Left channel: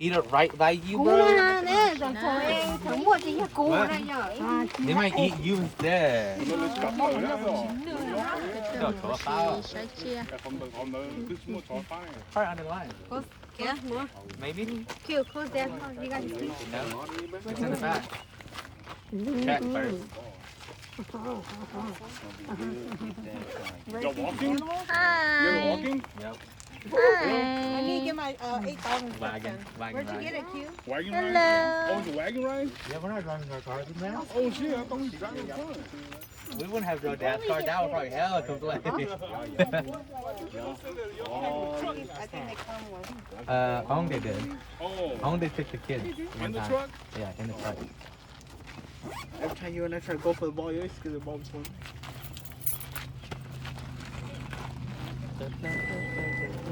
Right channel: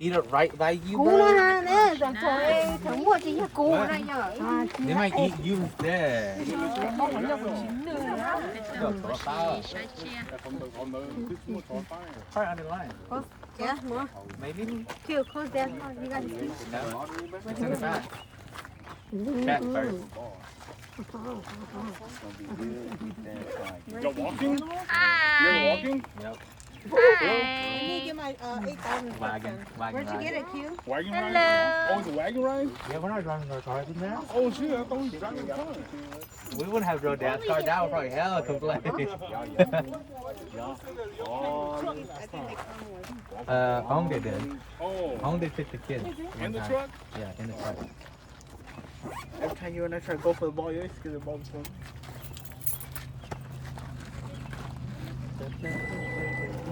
eat it right by you, Cú bro. nè, rồi thôi thằng mua chỉ cú này nhở. They might eat you instead. Mong muốn được chín nữa. No, throw a foul. 谁切？ Probably under the line. Yeah, more. Maybe. Cute, close that. You guys see? No. It's in the back. Check first. You're walking? You're walking? Yep. I need to get my 8,000. Wagon. Wagon Where'd you get ride. it, Q? Wagon ride? Oh, it's a wagon ride? Yeah, we're not driving our car now. Oh, shit, I thought you got your car. We wouldn't have drove dad's car down. We're probably hella complain. Home they did. Oh. Home they took the kids. In the truck? Yeah, in the truck. Every time you and I try to go for the ball, you always get the ball before.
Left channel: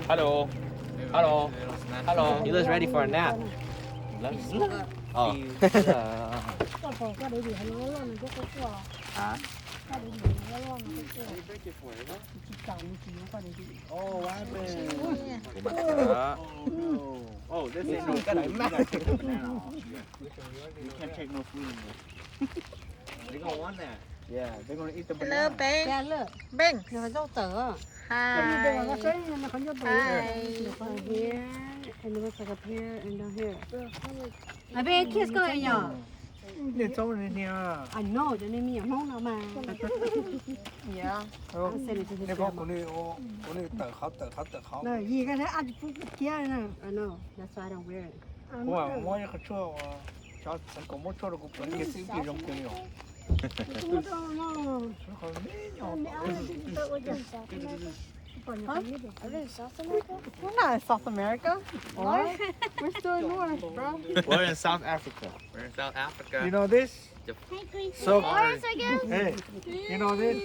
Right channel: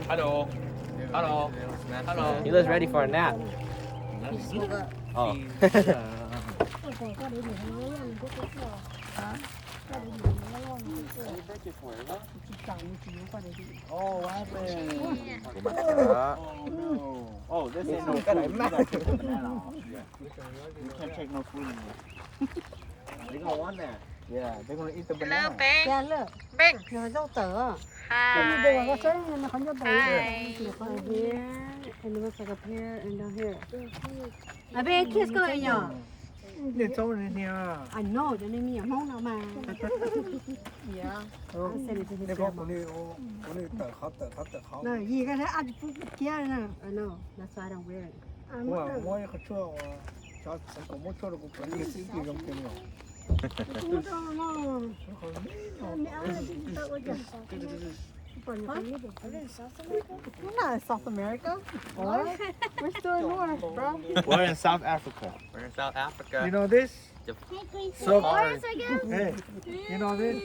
Hello. Hello. Hello. He looks ready for a nap. Oh. Oh, what happened? Oh, this is no good. You can't take no food. They're gonna want that. Yeah, they're gonna eat the Hello, banana. Ben. Yeah, look. Ben. Nó dâu tở. Hi. Nó có dâu tở. Here, and it looks like up here and down here. I bet kids go in nhở? It's over in here. I know, cho nên mình không nào mà. Yeah. Oh, I said it to his they got grandma. only the hot. No, gì cái thế ăn chút kia nè. I know, that's why I don't wear it. Wow, moi cái chỗ cho sản phẩm mua chỗ được cũng cái gì bị rong tiền rồi. We're not in South America. What? We're still in North, bro. We're in South Africa. We're in South Africa. You know this? So, Ours, I guess. hey, you know this?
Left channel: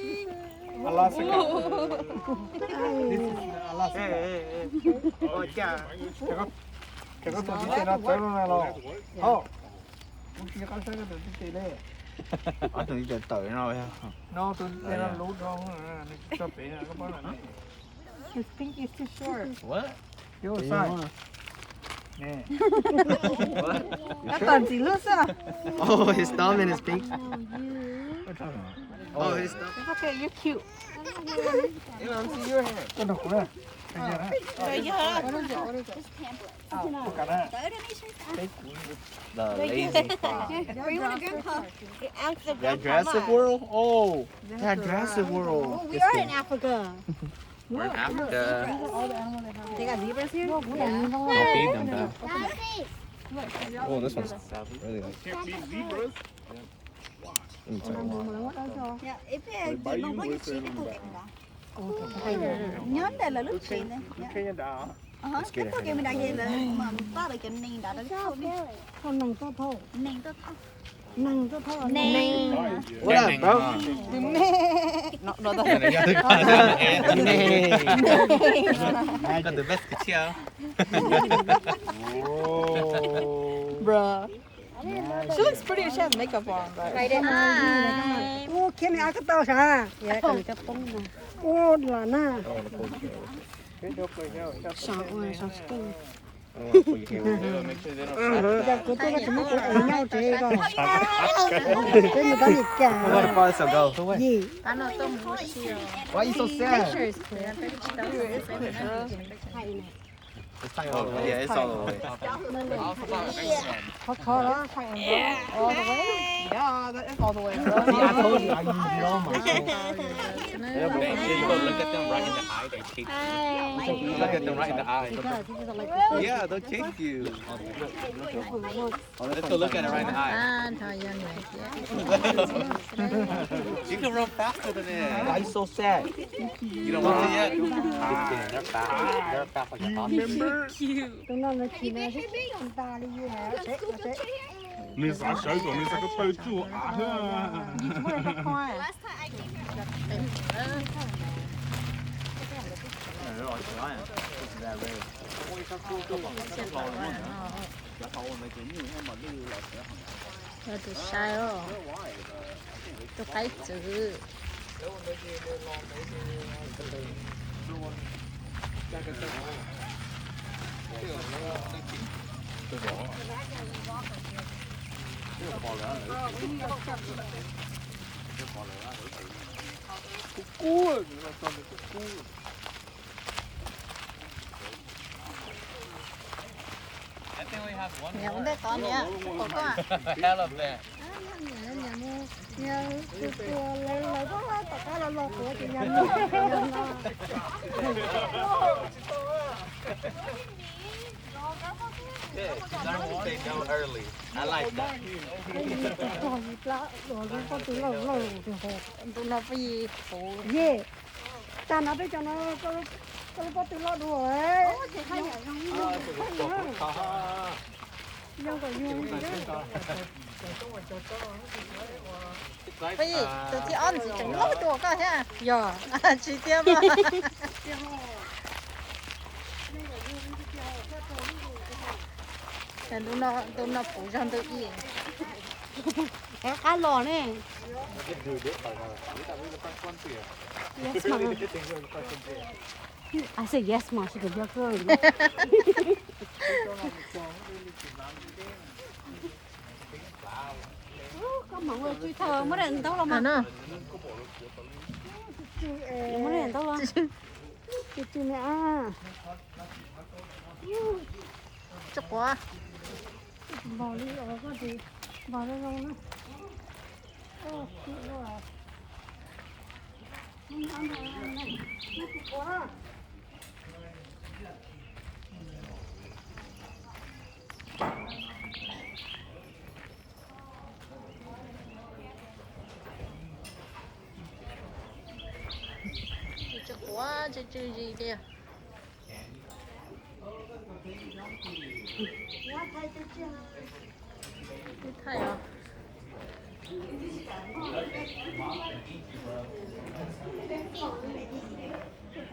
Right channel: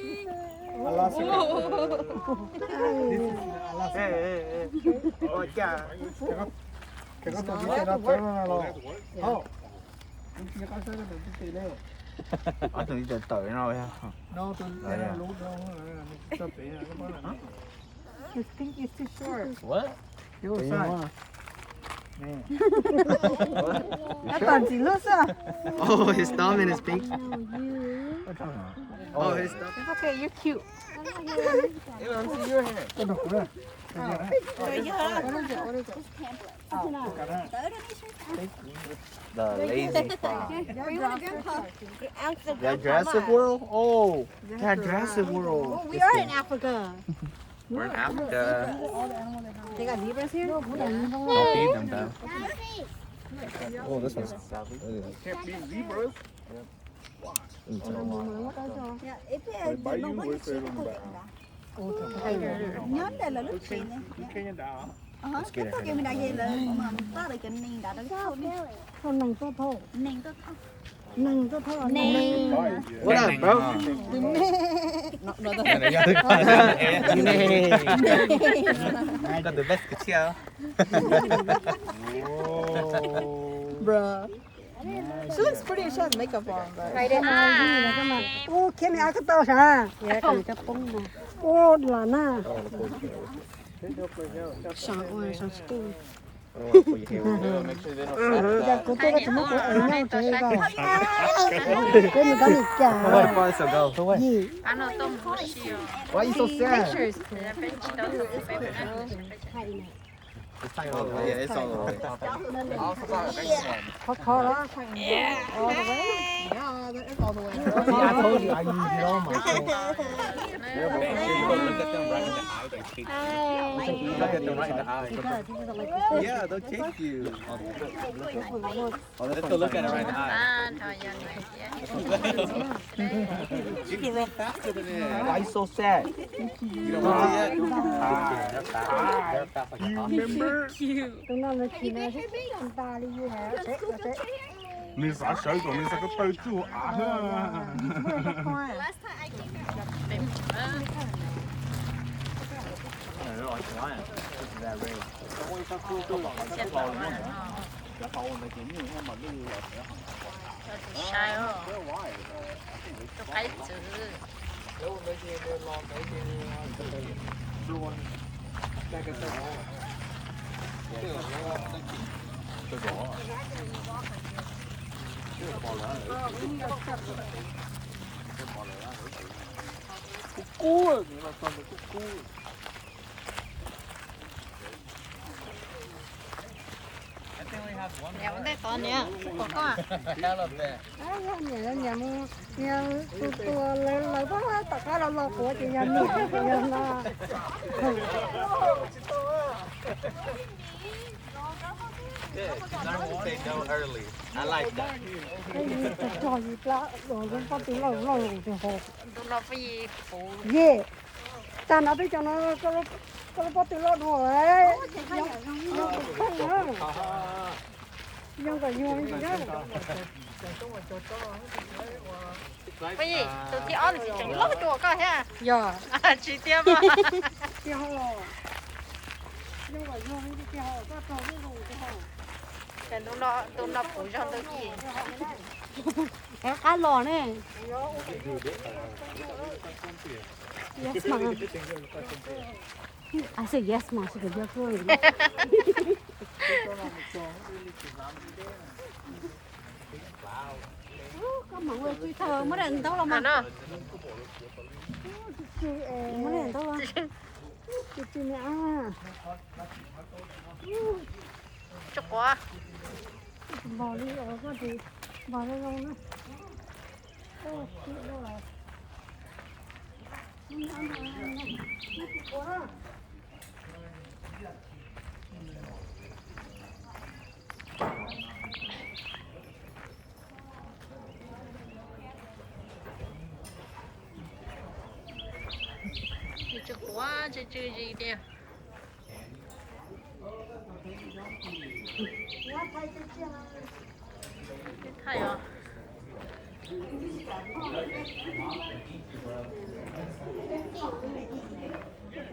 Alaska. This is Alaska. Hey. Oh, yeah. Cái tổ chức nó tới nó rồi. Oh. Cái con sẽ được cái này. Ở từ từ tự rồi. No, tôi nó lú đâu nó cho bé nó có này. His pink is too short. What? Yo, sai. Nè. Nó toàn chỉ lướt à? Oh, his thumb and his pink. Oh, his thumb. It's okay, you're cute. You want to see your hair? Cái đục nữa. What is it? The lazy spot. The That Jurassic World? Oh, that Jurassic World. We are in Africa. We're in Africa. They got zebras here? Don't feed them though. Oh, this one's really nice. Can't be zebras. Dạ, ít cái nó có những chuyện của nhớ đây là lúc chuyện này. Cái tôi kêu mình đại vậy là mà ta lại cái nền đã được không đi. Không nằng to thô. Nền tôi không. Nằng to thô. Nền. What up, bro? I got the best chill. Bruh. She looks pretty if she has makeup on, but. Ô, cái này ai có to sao? Dạ, cần cái bông này. Ô, là na. Sáng ơi, sáng skin. Dạ, cô tôi có chỉ mất của em nhau chơi coi. Cái này có gì cả. Where far to go? Gì? Why are you so sad? It's all the way. Yeah, it's all the way. Khó đó. Yeah. All the way? Yeah, that is all the way. See, I told you I use it on myself. Look at them right in the eye. They chase you. Look at them right in the eye. Yeah, they'll chase you. Let's go look at it right in the eye. You can run faster than it. Why are you so sad? You don't want to yet? They're fast. They're fast like a hawk. Tôi nói là chỉ là hết anh ta đi như thế. Sẽ. 你啥水果？你啥个包住啊？ Last time I came here. They're like giant. This is that red. Cua, chúng ta còn được cua. I think we have one อย่า more. ได้ตอนเนี้ยผมก็ I love that. 'Cause I want to say no early. I like that. 耶，但那边讲那个不对了，我哎，这还要用 À, cái cột ha ha. 用个用 Chúng ta 的。 chúng ta. ไปอีกที่อ้อนตัวก็ใช่ 呀， ชีเตี้ยมา 然后那个用的最好，这种那种。 เป็นตุ้มน้ำผมจังตัวกี้ 哎，还老呢。 Yes ma. I said yes ma, she could just go. Có mọi người chui thờ mới đến đâu mà. Mới đến đâu rồi. Chui nè. จุกวะ Bỏ đi ở có gì. Bỏ đi luôn nữa. Ô, chui rồi. Ăn này. Quá. จุกวะจืดๆเดียว 太阳。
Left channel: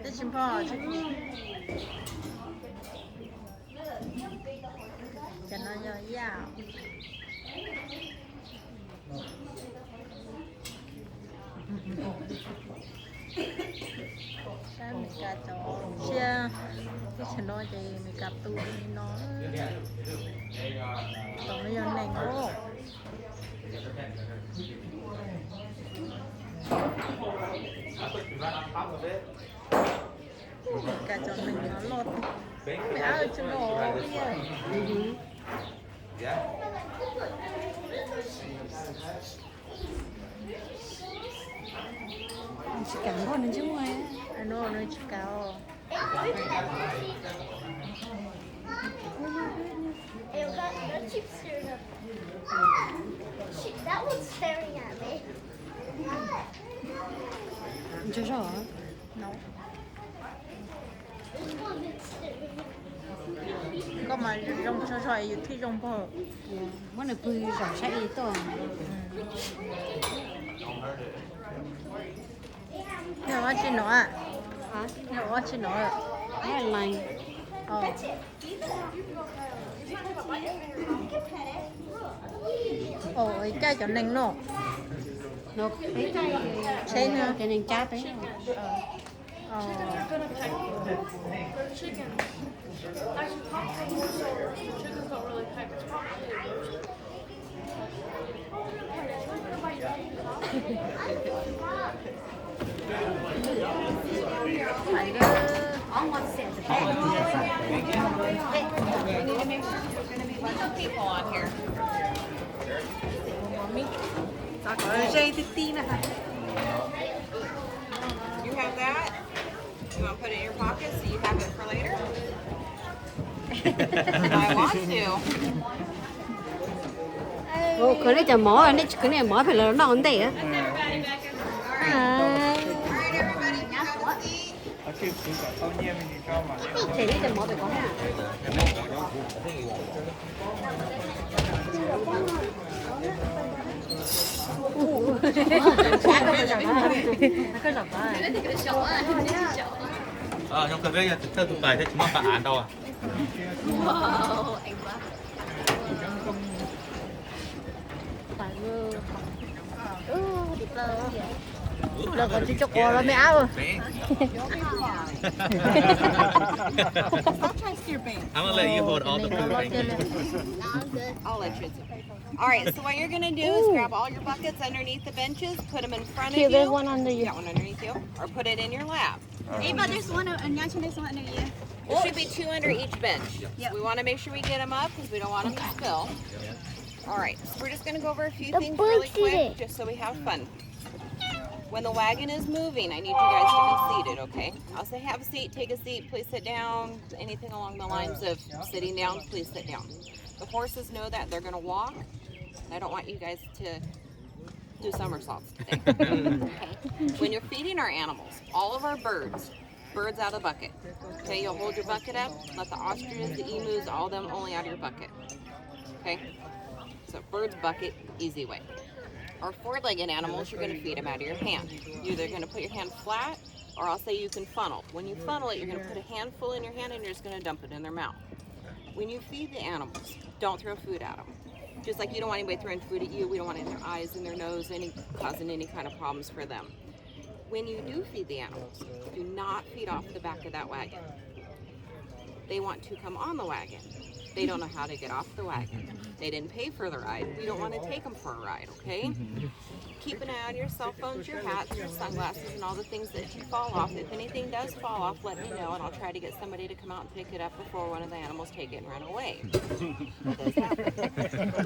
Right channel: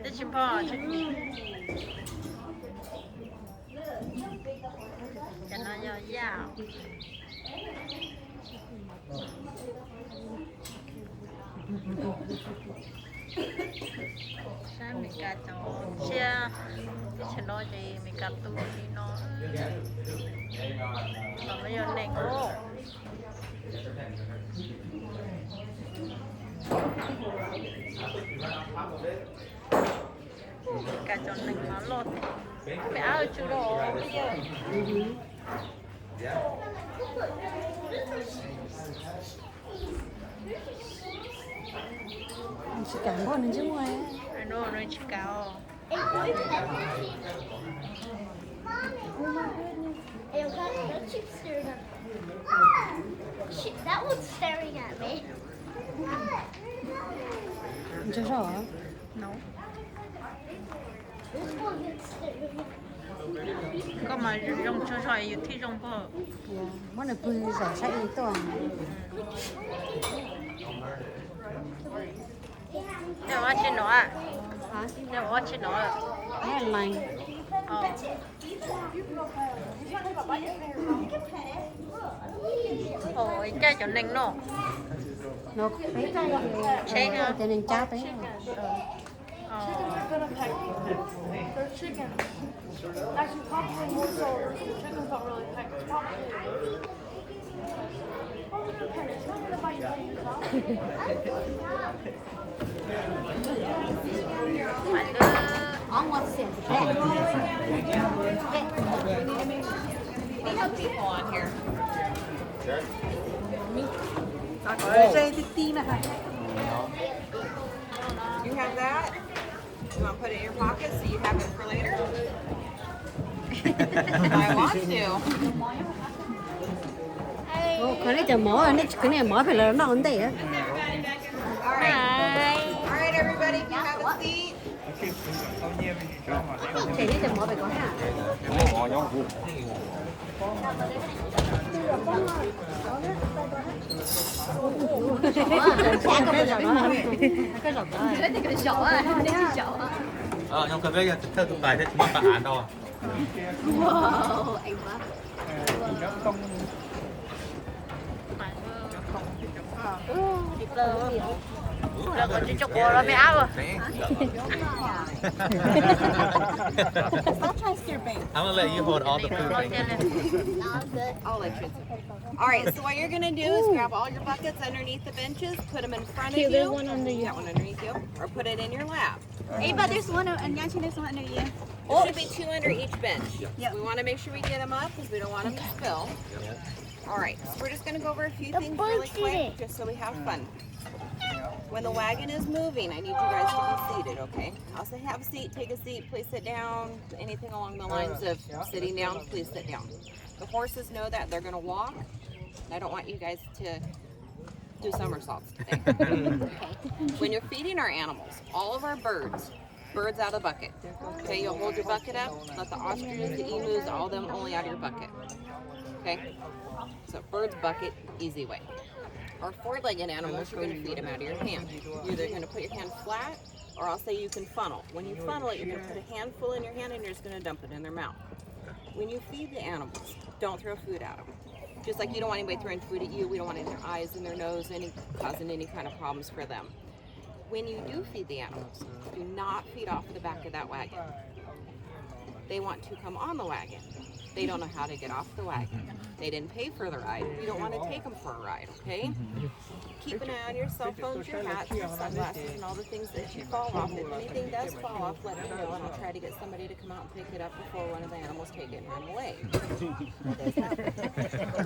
这情况啊，这里，跟他要压。Saya minta tahu, saya channel ni minta tahu ni yang neng. Yeah. Chỉ cảm ơn mình chứ ngoài. Nó chỉ cao. That one's staring at me. Chưa rõ. Nấu. Có mà rong cho xoài thì rong có. Món này vui rõ sẽ ý tôi. Nó ăn chín nữa. Hả? Nó ăn chín nữa. Cái là lành. Cái chai cho nành nó. Nó cái chai rồi thì nên chát đấy. People on here. You have that? You want to put it in your pocket so you have it for later? I want to. Cái này cho mỏ, cái này mỏ phải là nó ổn định á. All right, everybody, you have a seat. Cái này cho mỏ phải có hả? Trong cái bây theo tụi bài thế chúng ta án đâu à? Chúc là mẹ rồi. Stop trying to steer bait. I'm gonna let you hold all the food, Frankie. I'll let you. All right, so what you're gonna do is grab all your buckets underneath the benches, put them in front of you. There's one under you. Got one underneath you, or put it in your lap. Ava, there's one, and Yachi, there's one under you. There should be 2 under each bench. Yep. We want to make sure we get them up because we don't want them to spill. All right, so we're just gonna go over a few things really quick, just so we have fun. When the wagon is moving, I need you guys to be seated, okay? I'll say have a seat, take a seat, please sit down. Anything along the lines of sitting down, please sit down. The horses know that they're gonna walk, and I don't want you guys to do somersaults today. Okay? When you're feeding our animals, all of our birds out of the bucket. Okay, you'll hold your bucket up, let the ostriches, the emus, all of them only out of your bucket. Okay? So bird's bucket, easy way. Our 4-legged animals, you're going to feed them out of your hand. You're either going to put your hand flat, or I'll say you can funnel. When you funnel it, you're going to put a handful in your hand and you're just going to dump it in their mouth. When you feed the animals, don't throw food at them. Just like you don't want anybody throwing food at you, we don't want it in their eyes, in their nose, causing any kind of problems for them. When you do feed the animals, do not feed off the back of that wagon. They want to come on the wagon. They don't know how to get off the wagon. They didn't pay for the ride. We don't want to take them for a ride, okay? Keep an eye on your cell phones, your hats, your sunglasses, and all the things that you fall off. If anything does fall off, let me know, and I'll try to get somebody to come out and pick it up before one of the animals take it and run away. It does happen.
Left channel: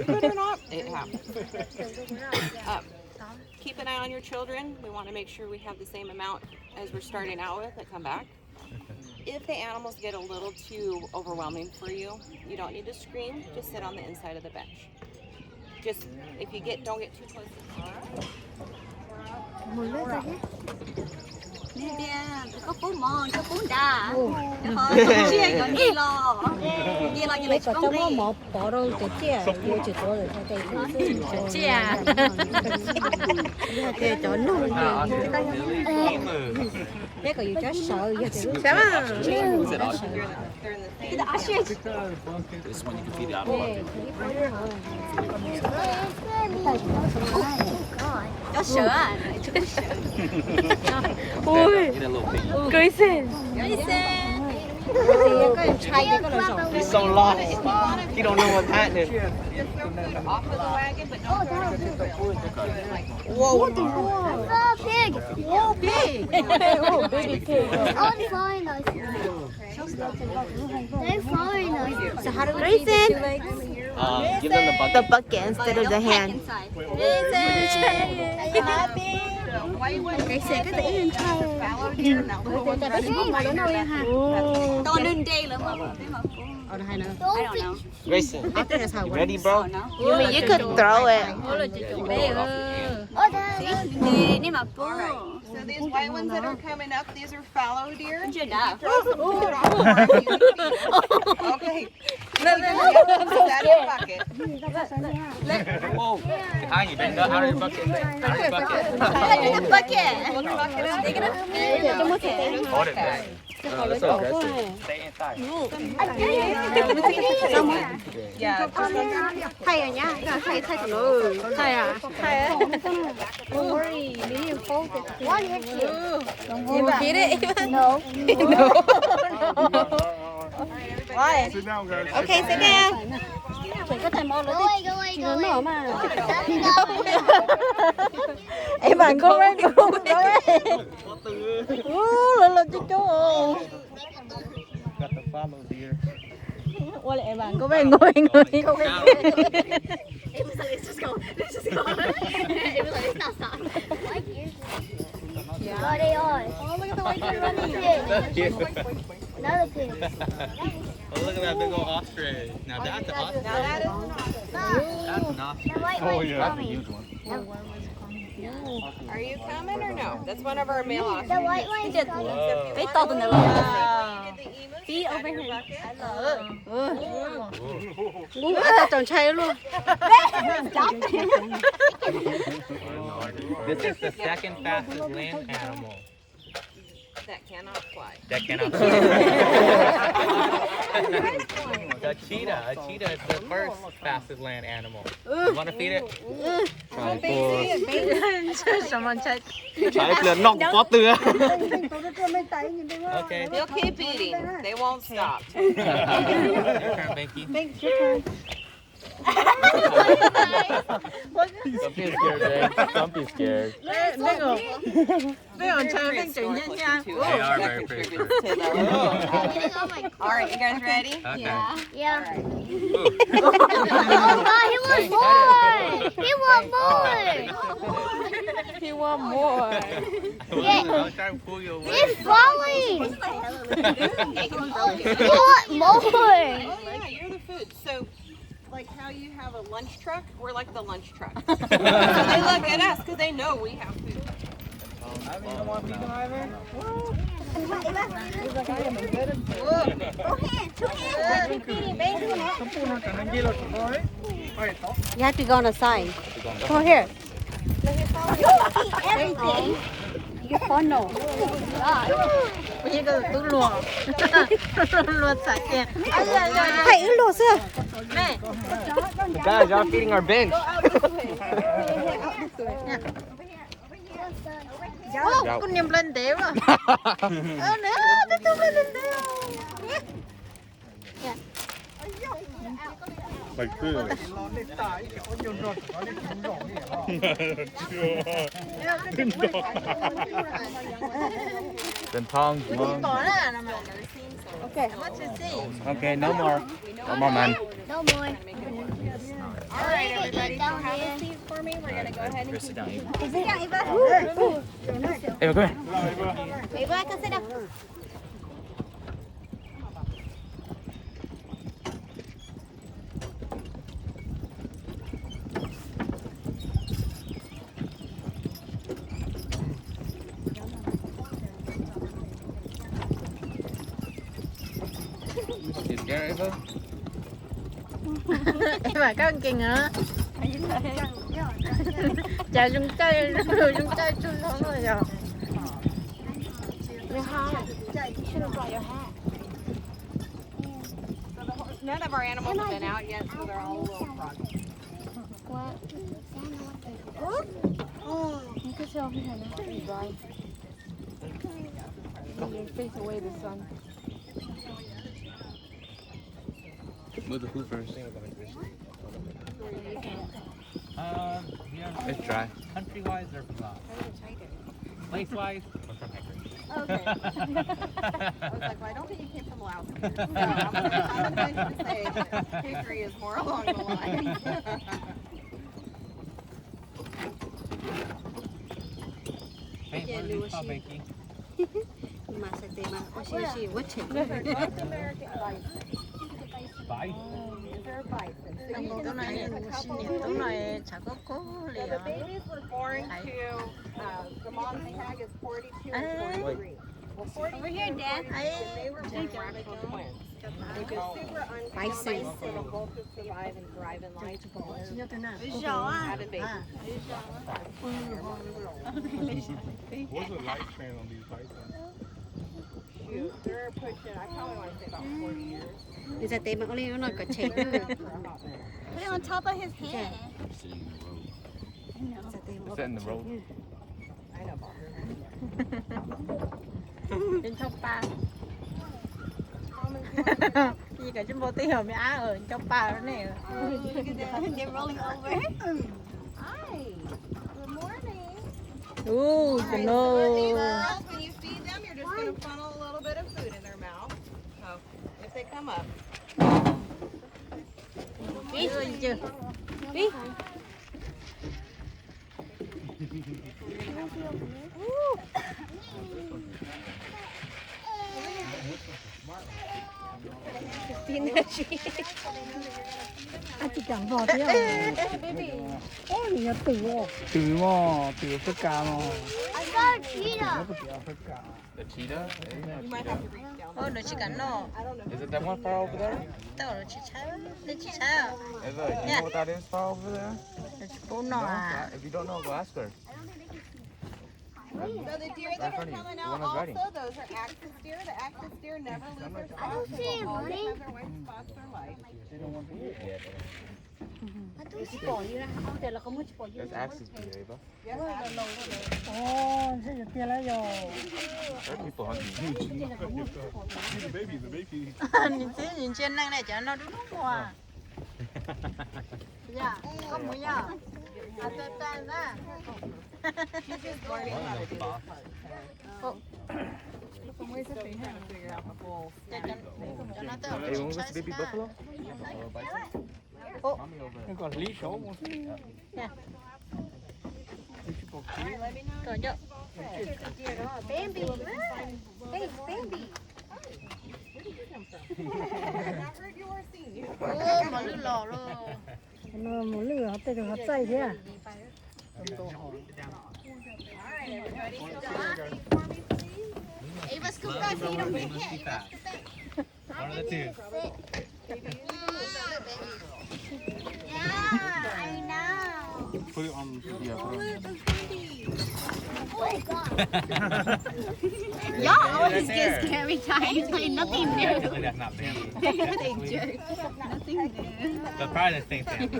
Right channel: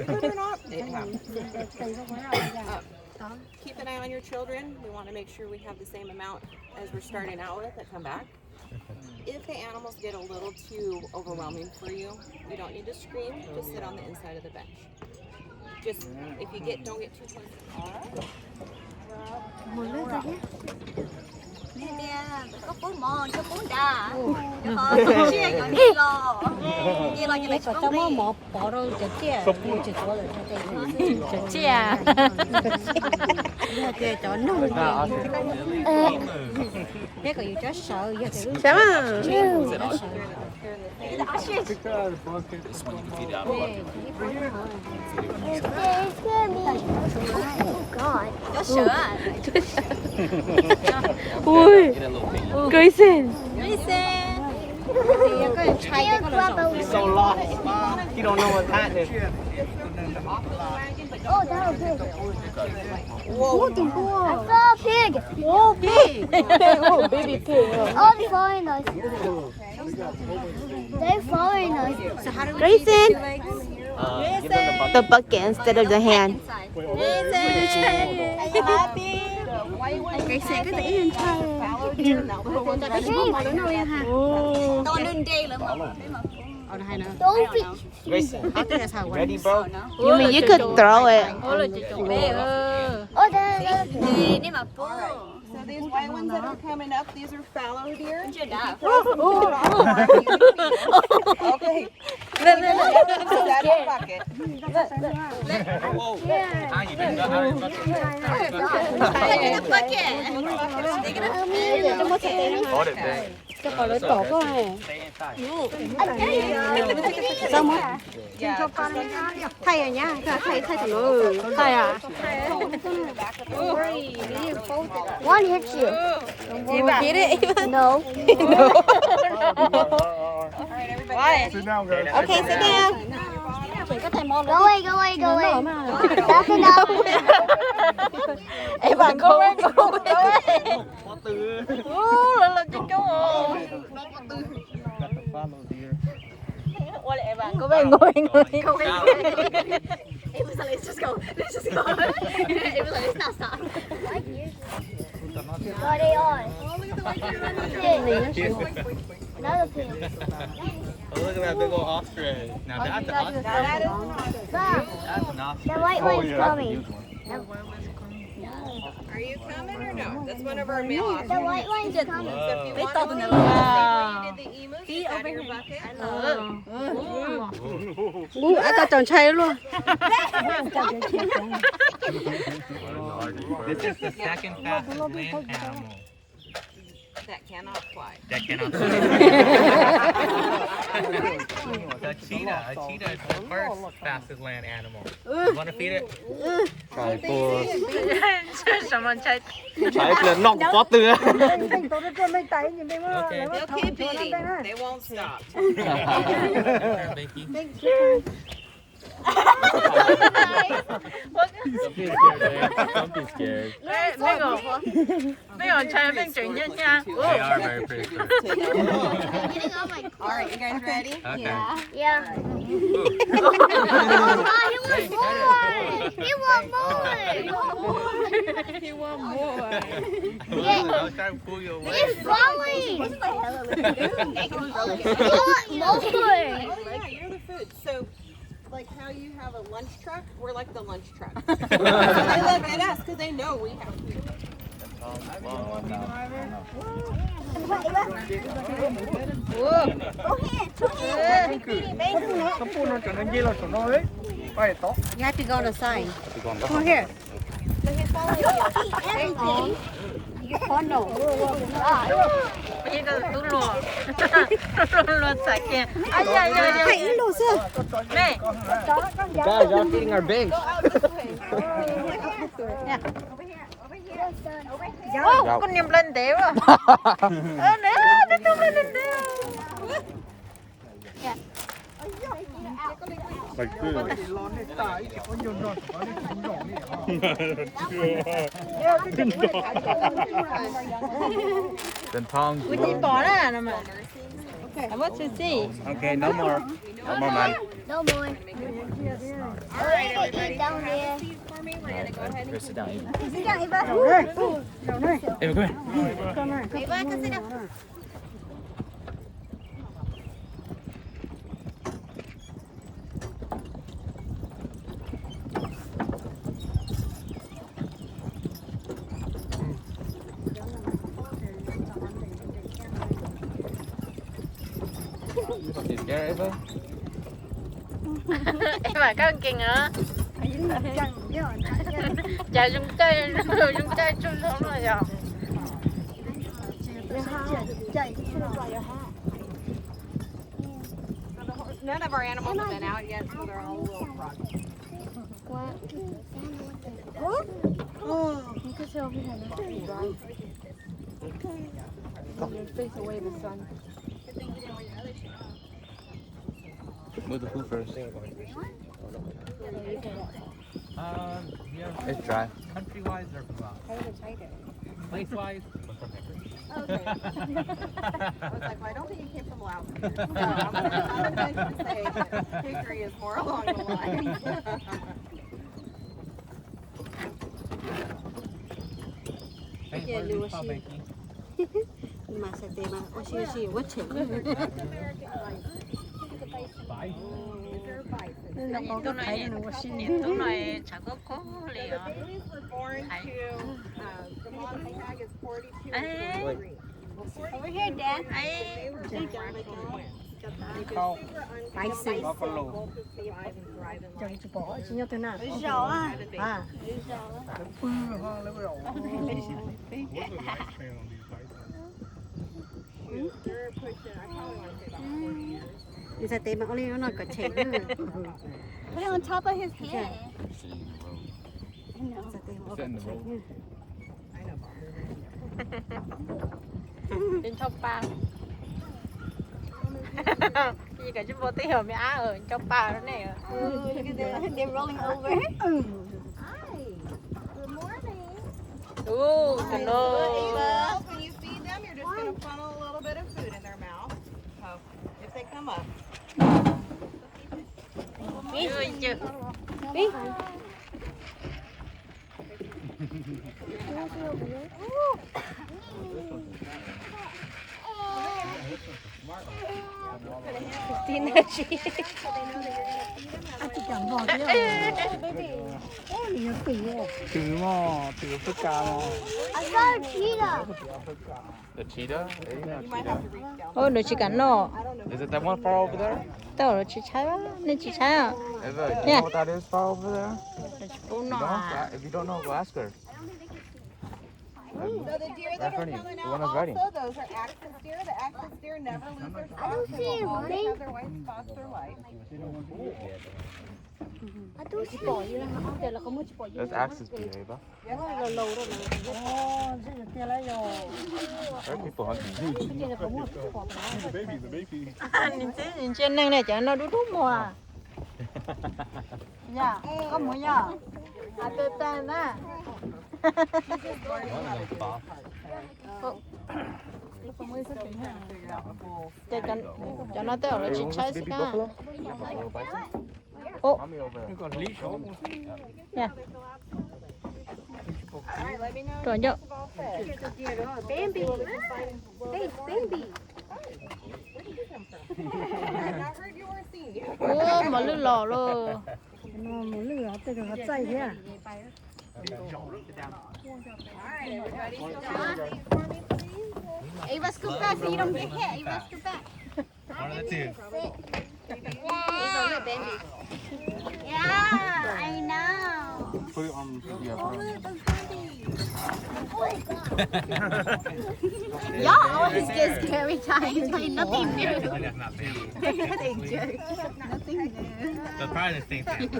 Believe it or not, it happens. Keep an eye on your children. We want to make sure we have the same amount as we're starting out with that come back. If the animals get a little too overwhelming for you, you don't need to scream. Just sit on the inside of the bench. Just, if you don't get too close. All right. Cái có trong đó một bỏ đâu chả chia, vô chỉ có là cái thứ chả chia. Giờ kia cho nung kia. Cái có yêu cho sợ, giờ thì lúc sáng chơi buồn đã sợ. Ui, cưới xin. Thì có em trai cái có là rộng. You don't know what that is. Off of the wagon, but don't throw it. Pig. Whoa, pig. Baby pig. All foreigners. They're foreigners. So how do we feed the 2 legs? Give them The bucket instead of the hand. Cái xe cái tỷ lên trai. Ta biết chỉ một đứa nào em ha. Oh, the high Don't feed. Grace, I think that's how it works. ready, bro? You could throw it. Oh, All right. So these white ones that are coming up, these are fallow deer. Okay. Put that in a bucket. Whoa. Hi, you been out of your bucket. Out of your bucket. Trong một cái tay Hold it, man. cho khỏi lấy tổ quá này. Thay rồi nhá, thay thằng nó. Thay à? Don't worry, you need to fold it. One hits you. You get it? No. No. Sit down, guys. Okay, sit down. Go away, go away, go away. Back it up. Eva, go away. Got the follow deer. Let's just go. Let's just go. What is it? Yeah. What are they on? Oh, look at the way they're running. Another pig. Oh, look at that big old ostrich. Now that's an ostrich. Stop. That's enough. The white Oh, one's yeah. coming. Are you coming or no? That's one of our male The ostriches. white one's coming. They thought the Feet over here. ta chọn chay luôn. This is the second fastest land animal. That cannot fly. That cannot The cheetah. A cheetah is the first fastest land animal. You want to feed it? ใช่ตัว Someone check. ใช้เปลือกนอกปอเตือ Okay. They'll keep eating. They won't stop. Your turn, Becky. Don't be scared, babe. Don't be scared. They are very pretty. All right, you guys ready? Okay. Yeah. Oh no, he wants more. He wants more. I was trying to pull you away. He's falling. He wants more. Oh yeah, you're the food. So, like how you have a lunch truck, we're like the lunch truck. They look at us because they know we have food. You have to go on the side. Come on here. Everything. Hãy ứng đồ xưa. Này. Guys, y'all feeding our bench. Con niềm lên đéo à. Like this. Then tongs, Mình lungs. bỏ ra nè mà. Okay, I want to see. Okay, no more. No more, man. No more. All right, everybody. So have a seat for me. We're gonna go ahead and Sit down, Ava. Sit down, Ava. Ava, come here. Ava, come sit down. You scared, Ava? Em mà có kìa hả? Chả dùng chơi chung nó rồi. none of our animals have been out yet, so they're all a little froggy. What? You can tell me how to dry. You face away the sun. Move the food first. It's dry. Country-wise or from place-wise? We're from Hickory. Okay. I was like, well, I don't think you came from Laos. So I'm going to say that Hickory is more along the line. Hey, what are these called, Becky? Mà sẽ tìm mà oxy quá chừng. Spice. Tối nay nó sinh nhật, tối nay chả có cố liền. The babies were born to, the mom's tag is 42 and 43. Over here, Dad. They were identical twins. They've been super Spicy. uncommon, both to survive and thrive in life. Sinh nhật thế nào? Had a baby. What's the lifespan on these bison? Shoot, they're pushing, I probably want to say about 40 years. Đi ra tìm mà có lên nó có chảy nữa. Put it on top of his head. Ra tìm Sit in the road. I know, Bob. Đến trong ba. Gì cả chúng bố tí hồi mẹ á ở trong ba đó nè. Look at this. They're rolling over. Hi. Good morning. Ooh, Alright, so no. Ava, when you feed them, you're just going to funnel a little bit of food in their mouth. So if they come up. Ôi chưa. I got a cheetah. The cheetah? You might have to reach down. Ôi nó chỉ cắn nó. Is it that one far over there? Tao nó chỉ trái á, nên chỉ trái à. Ava, you Yeah. know what that is far over there? Nó chỉ bố nó à. If you don't know, go ask her. So the deer that are coming out also, those are axis deer. The axis deer never lose their spots. They always have their white spots, their light. That's axis deer, Ava. Nhìn trên năng này chả nó đút đút mùa. Dạ, có mùa dạ. À, tơ tơ nè. Cho nó tới ở chính xác nè. Ô, dạ. Rồi nhớ. Bambi. Hey, Bambi. Ô, mà lư lò rồi. Nó một lửa tới được chạy thế à? Ava, scoop back so you don't get hit. Ava, scoop back. One of the two. Yeah, I know. Put it on the video. Oh my god. Y'all always get scared every time you play nothing new. Actually, that's not Bambi. They jerk. Nothing new. That's probably the same thing.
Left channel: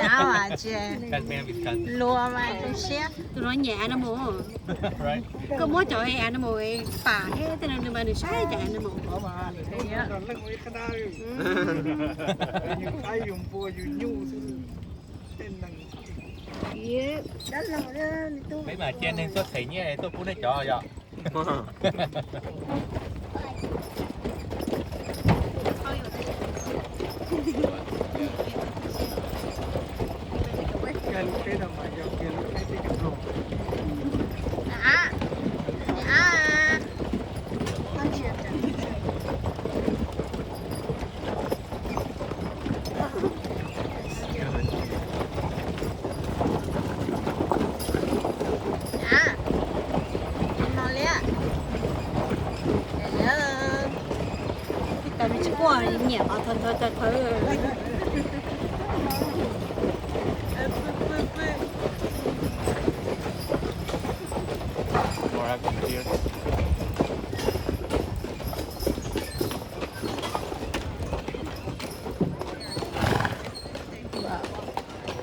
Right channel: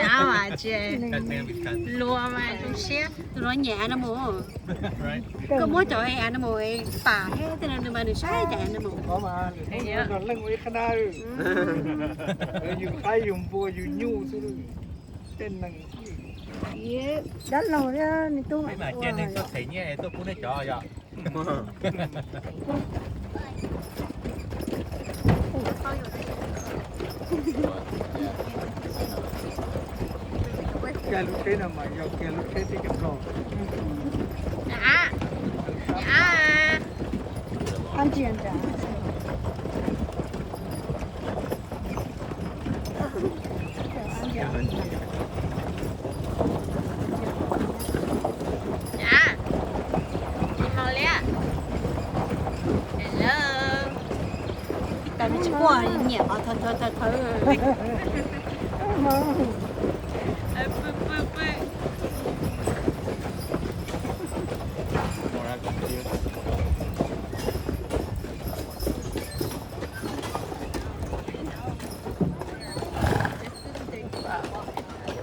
Áo à chị. That's Bambi's cousin. Lùa mà không xếp. Tôi nói nhẹ nó mua. Right? Có mỗi chỗ hè nó mua bà hết thế nên mà được sai chạy nó mua. Có mà, thấy nó lưng với cái đây. Những cái dùng bùa dùng nhu tên là Iya, dah lah ya itu. Mấy mà trên nên tôi thấy nhé, tôi cũng đã cho rồi. cái nào mà do kia nó cái cái đồ. À, à, con chuyện đó. Tại vì qua nhẹ vào thôi. More axis deer.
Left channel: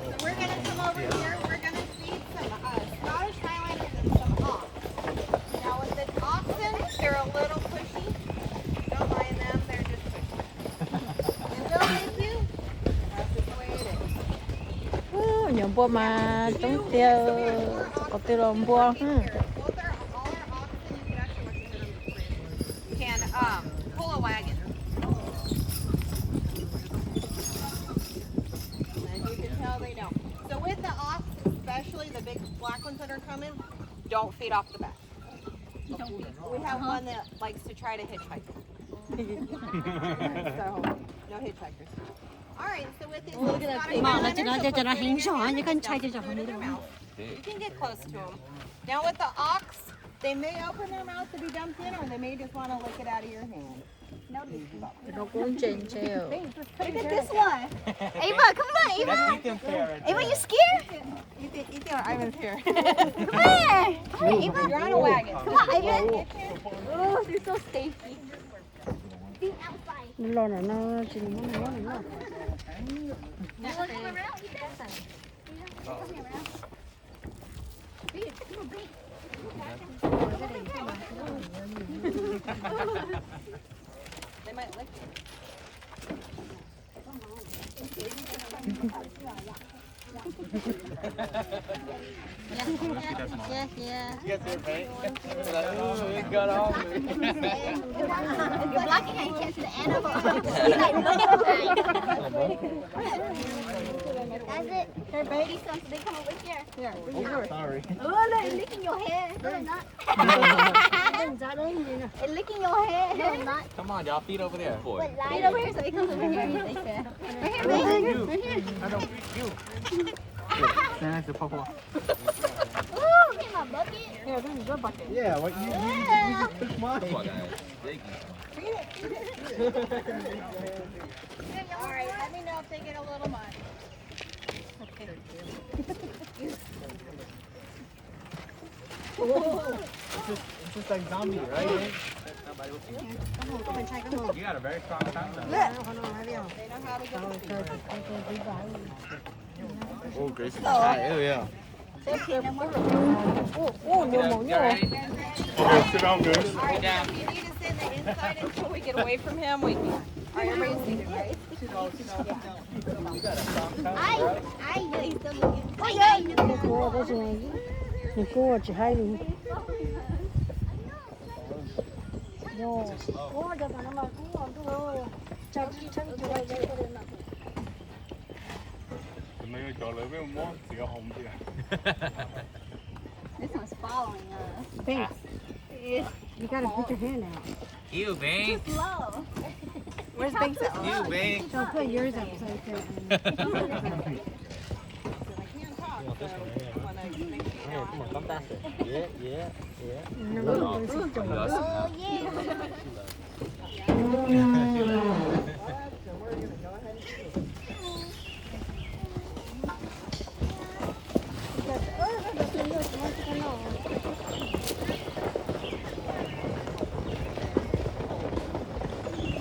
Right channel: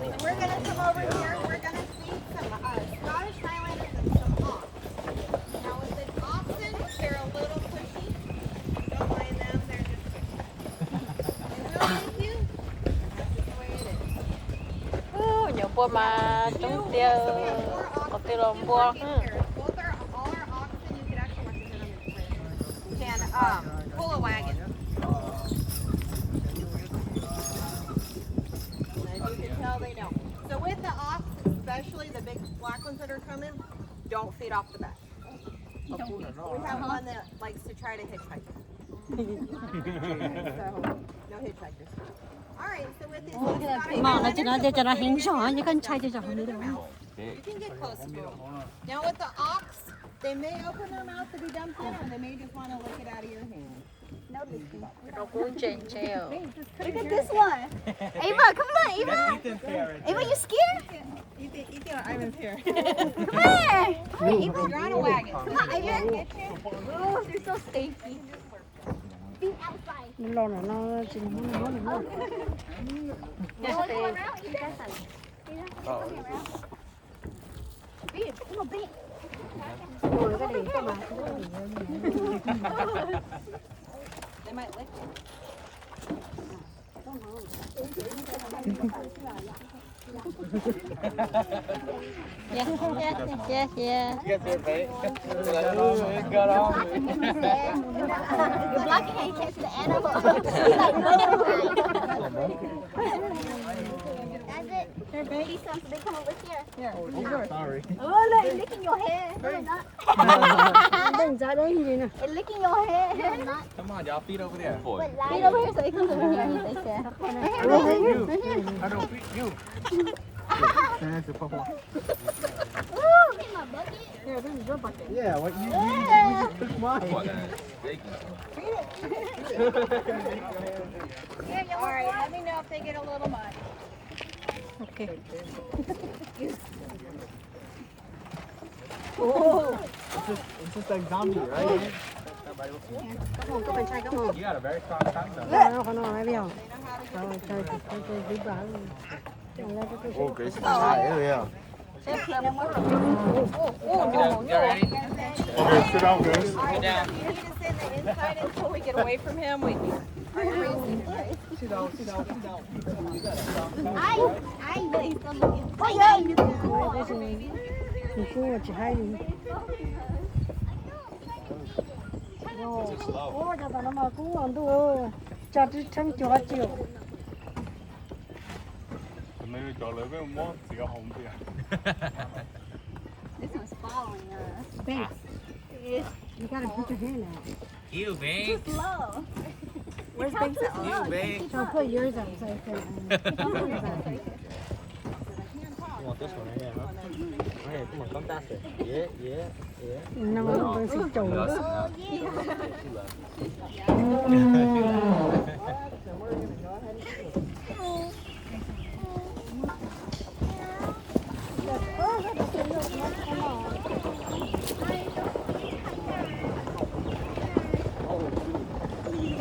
So we're gonna come over here. We're gonna feed some Scottish Highlanders and some ox. Now with the oxen, they're a little pushy. Don't mind them. They're just pushy. Is that with you? That's just the way it is. Những bữa mà tiêu lòng bua. Can pull a wagon. As you can tell, they don't. So with the ox, especially the big black ones that are coming, don't feed off the back. We have one that likes to try to hitchhike. So no hitchhikers. All right. So with this, Mà nó cho nó hình rõ như con trai cho nó đâu. you can get close to them. Now with the ox, they may open their mouth to be dumped in, or they may just want to lick it out of your hand. Look at this one. Ava, come on, Ava. Ava, you scared? Ethan, Ivan's here. Come here. Come on, Ava. You're on a wagon. Come on, Ava. Oh, they're so safety. Be outside. Lo này nó chỉ nó. You want to go around? You better. Beat it. Come on, beat it. They might lick you. Yes. Yes, right? It got on me. You're blocking how you catch the animal. He's like, look at That's it. They're baby stuff, so they come over here. Sorry. Oh, look, it's licking your hair. No, it's not. It's licking your hair. No, it's not. Come on, y'all, feet over there. But feet over here so it comes over here. Right here, baby. Right here. I don't you. Stand at Papa. Ooh, get my bucket. Here, this is your bucket. Yeah, what you just took mine. All right, let me know if they get a little mud. Okay. It's just like zombie, right? You got a very strong tongue though. They know how to get Oh, Grace, yeah. Okay, sit down, guys. All right, Sam, you need to sit in the inside until we get away from him. Wait, are everybody seated, right? I know he's still looking. I This one's following us. Thanks. You gotta put your hand out. Ew, Bang. Slow. Where's Banks at? Ew, Bang. So put yours up so I can. You want this one right here, huh? Hey, come on, come faster. Yeah. No, Oh, this is you lost it now.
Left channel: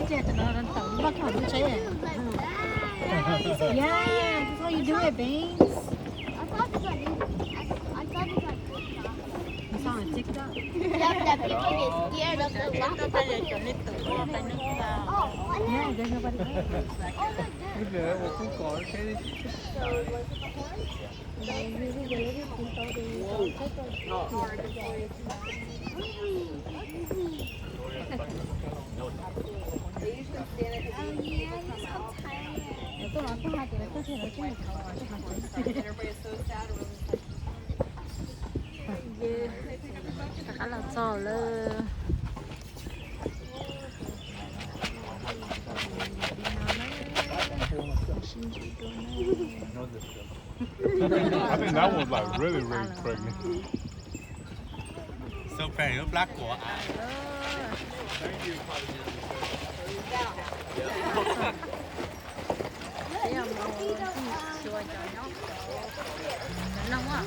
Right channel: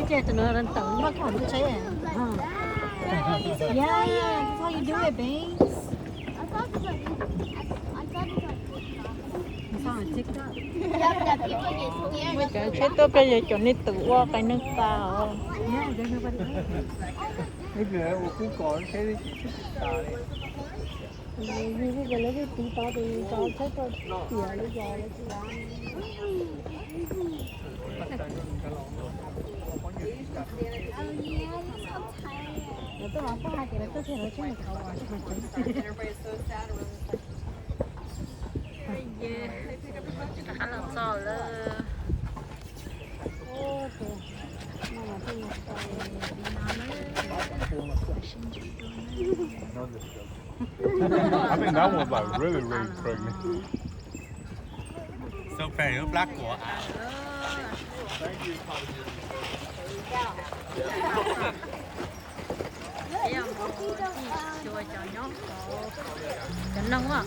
Cái cho nó lên tủ mất không có chế. Yeah, that's how you do it, babe. I thought this was You saw on TikTok. that people get scared of the Ito pa yung chunit tuwa pa ng tao. Yeah, there's nobody there. Bây giờ một cái cổ cái Everybody's so sad. We're just like, I think that one's like really pregnant. So pretty, nó black của à. Chỉnh lông á.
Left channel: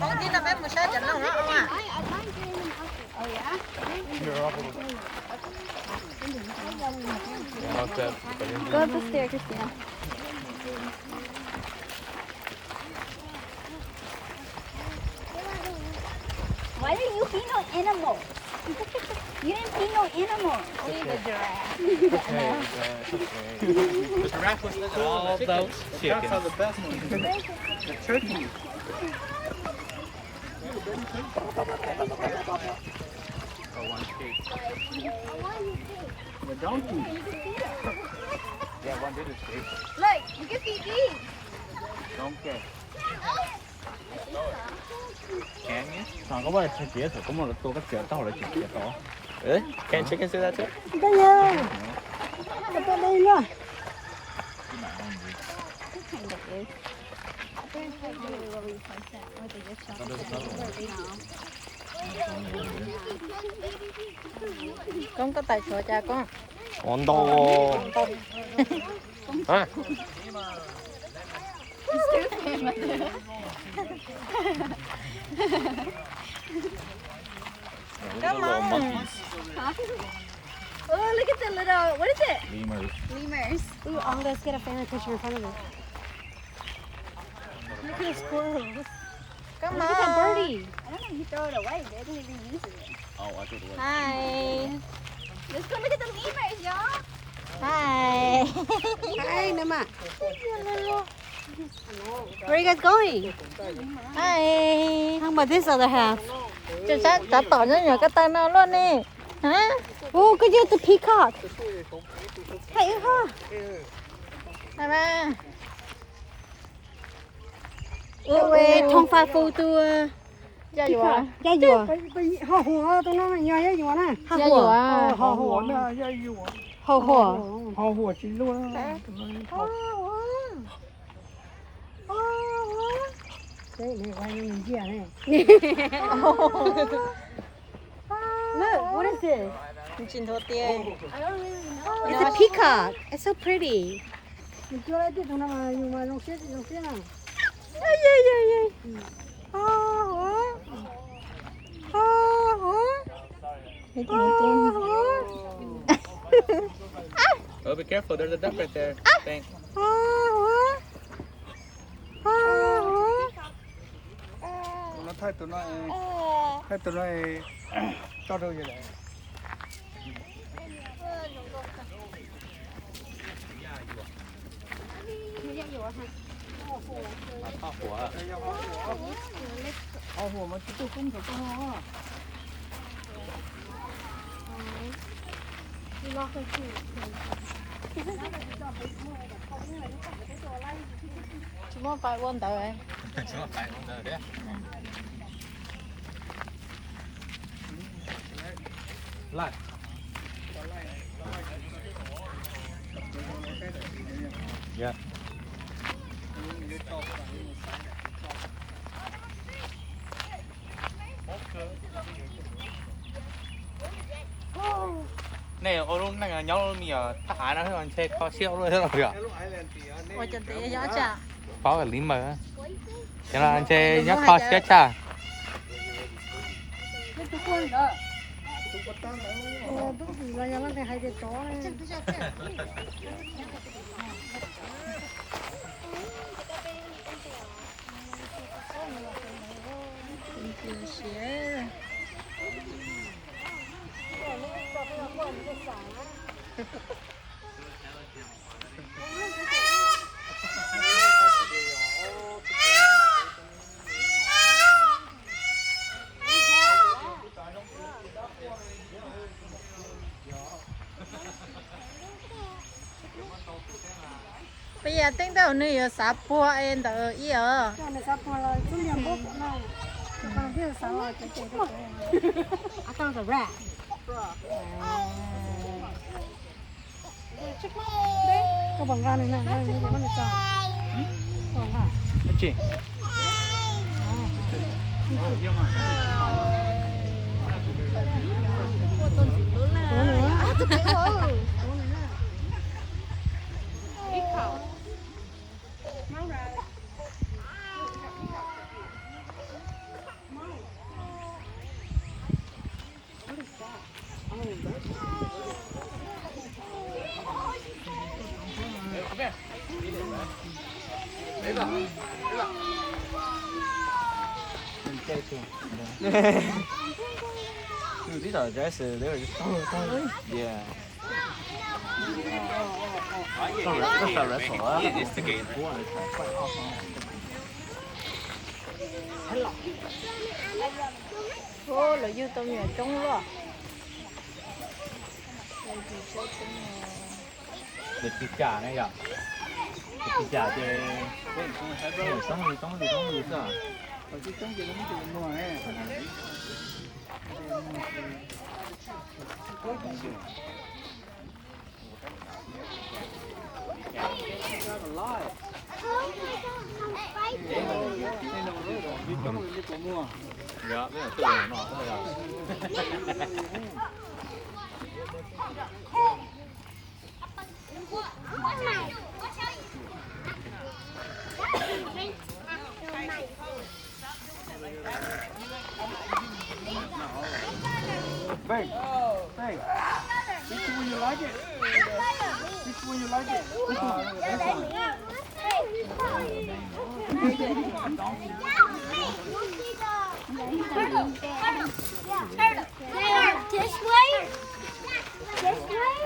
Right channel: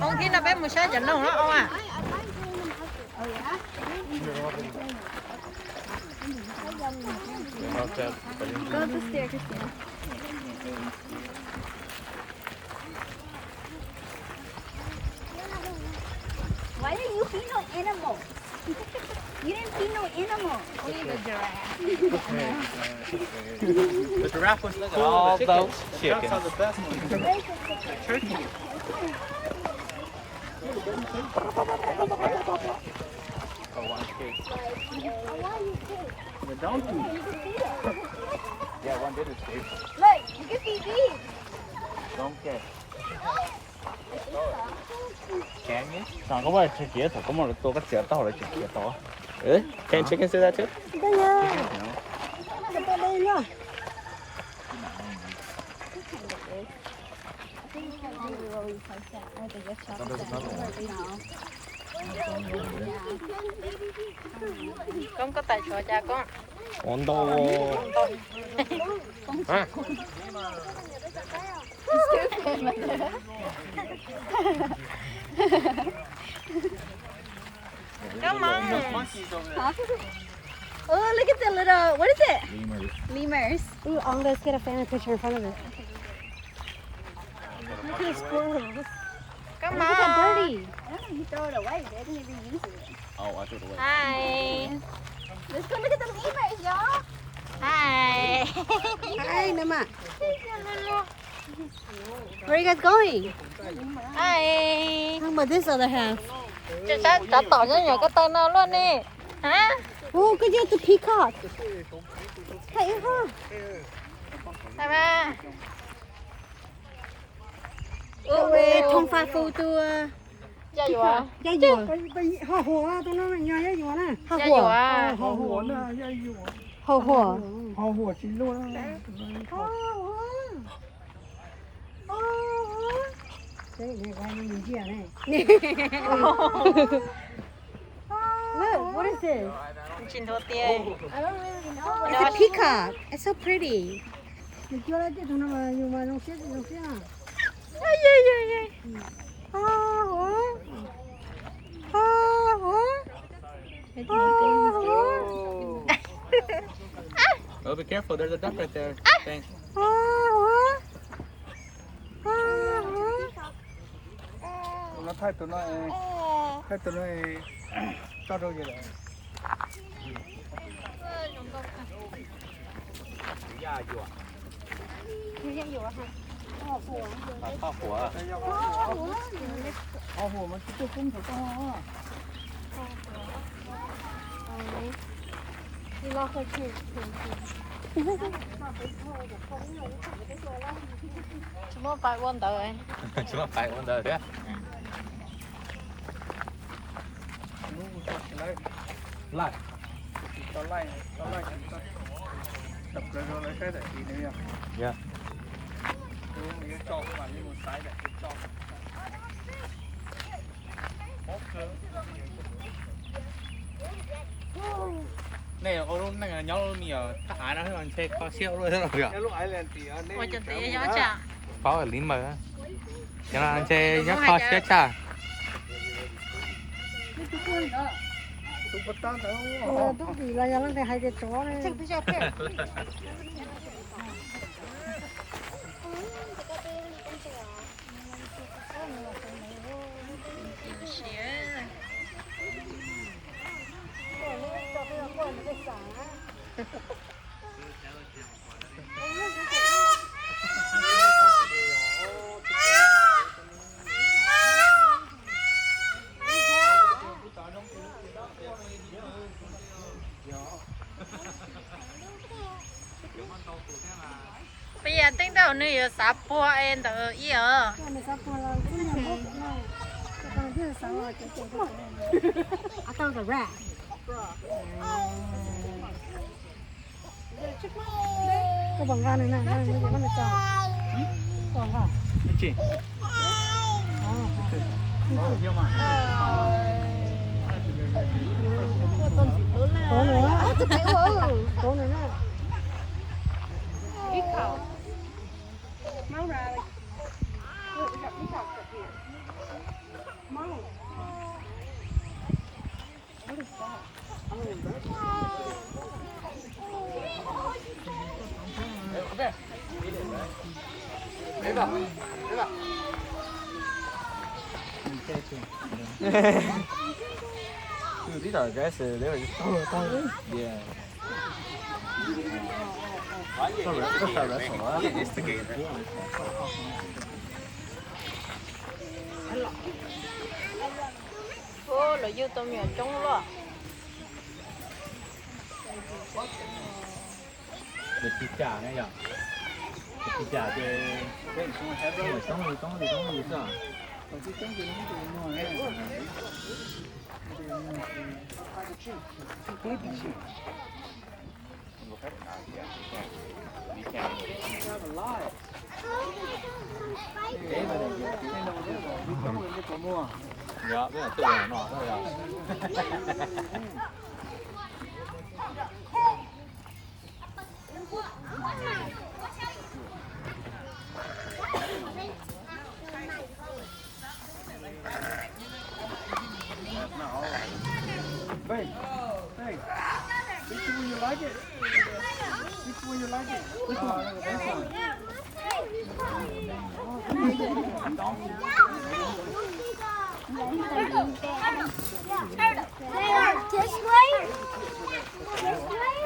Con kia là bé một sao chỉnh lông đó không à? Oh yeah? Go up the stair, Christina. Why didn't you feed no animal? You didn't feed no animal. The giraffe was looking all those the chickens. ducks are the best ones. The turkey. The donkey. Yeah, one did escape. Look, you can feed these. Donkey. Can you? Chẳng có bao nhiêu chế thủ có một tô các chế to là chế to. Really? Can chickens do that too? Con có tài trợ cha con. 온다고. Oh, look at the little, what is it? Lemurs. Lemurs. Ooh, let's get a family picture in front of her. Look at the squirrels. Come Look at that birdie. I don't know, he throw it away. They didn't even use it. Oh, I threw it away. Hi. Let's go look at the lemurs, y'all. Hi. Hi, Nama. Where are you guys going? Hi. How about this other half? Oh, good job, the peacock. Hey, huh? Ôi, thông pha phu tu peacock. Gia dùa. Họ hùa tôi nói nhà gia dùa nè. Hà hùa. Họ hùa nè, gia dùa. Hầu hùa. Họ hùa chính luôn. Đấy, để quay lên kia này. Look, what is this? I don't really know. It's a peacock. It's so pretty. Thì cho lại tiếp tục nó mà nó chết à. Oh, Oh, be careful. There's a duck right there. Thanks. nó thay tụi nó cho đâu vậy hồ mà chúng tôi không thể có ho Cuma 5 wonder đấy. Lại. Yeah. Này ô lúc này nhau mì à thả nó hơn xe có siêu rồi đó kìa. Ôi chân tí gió chả. Có ở lính mà. Thế là anh xe nhắc kho xe chả. Bây giờ tính đầu nữa giờ sắp bùa em đỡ ý ở. I thought it was a rat. Có bằng gan này này, nó nó chào. Bằng gan. Chị. Có nữa. Có nữa. These are aggressive. They were just yeah. That's a wrestle. Instigator. Được chi trả này ạ. Chi trả thì sống gì sao? Dạ, bây giờ tự nó thôi à. Hey, hey, which one you like it? Which one you like it? This one. This way? This way?